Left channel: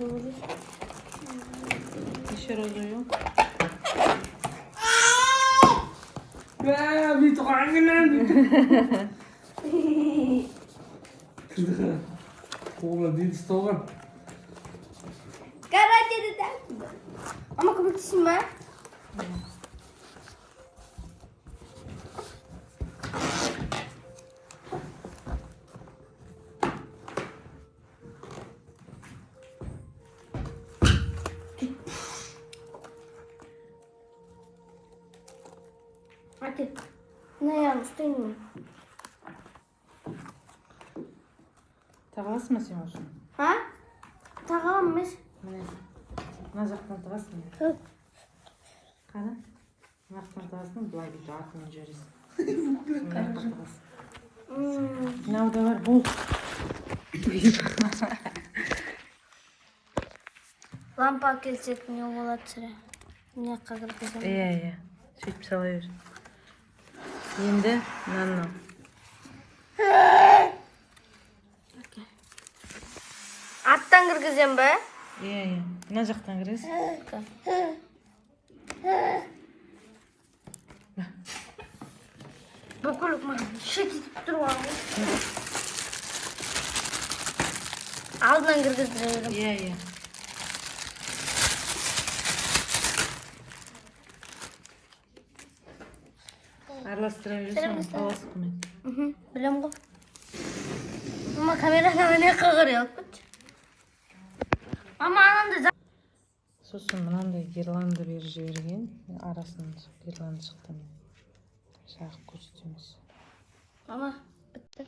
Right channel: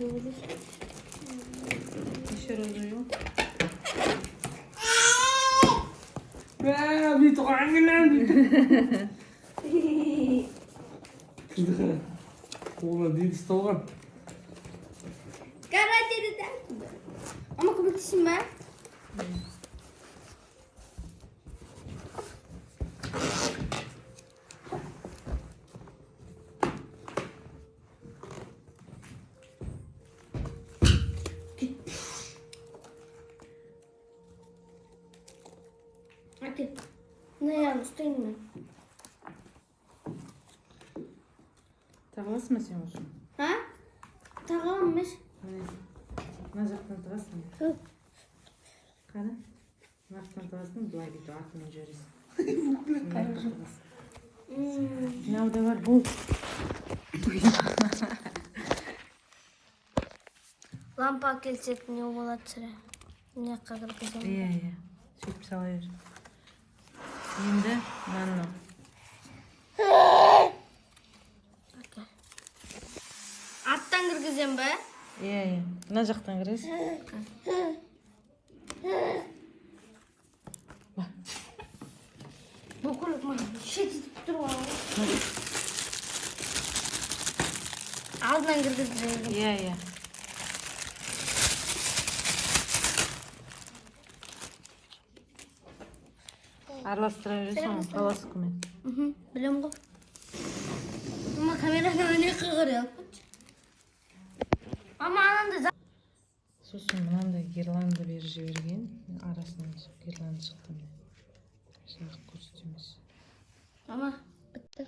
doğru. Dışarı oluyor. Bir tok annem Sıdıkı. Oğlan değil stoğun. Garajda da. Ama kapatışım var. Hadi. Ne yanlış değil mi? Tavası mısın olsun? Ha? Tamammış. Nazaktan tavası mı? Hı. Kana? Nazaktan tavası mı? Duvar gücü aklını cürüz. Ne o da var bu. Lampa gelecek mi yola çıra? Ne kadar güzel. İyi. Süt salıyor. Şimdi nano. Attan kırgızım be. İyi. Nazaktan giriz. Bakalım mı? Şişt durma. Ağzından kırgızım. İyi. Aralastırabilirsin. Hava sıkmıyor. Biliyorum bu. Ama kamerada ne kıvırıyor? Ama anında Sosun bilan da girlanda berip жиберген. Arasынан girlanda chiqdi. Shaq ko'rsatamiz. ama bitti.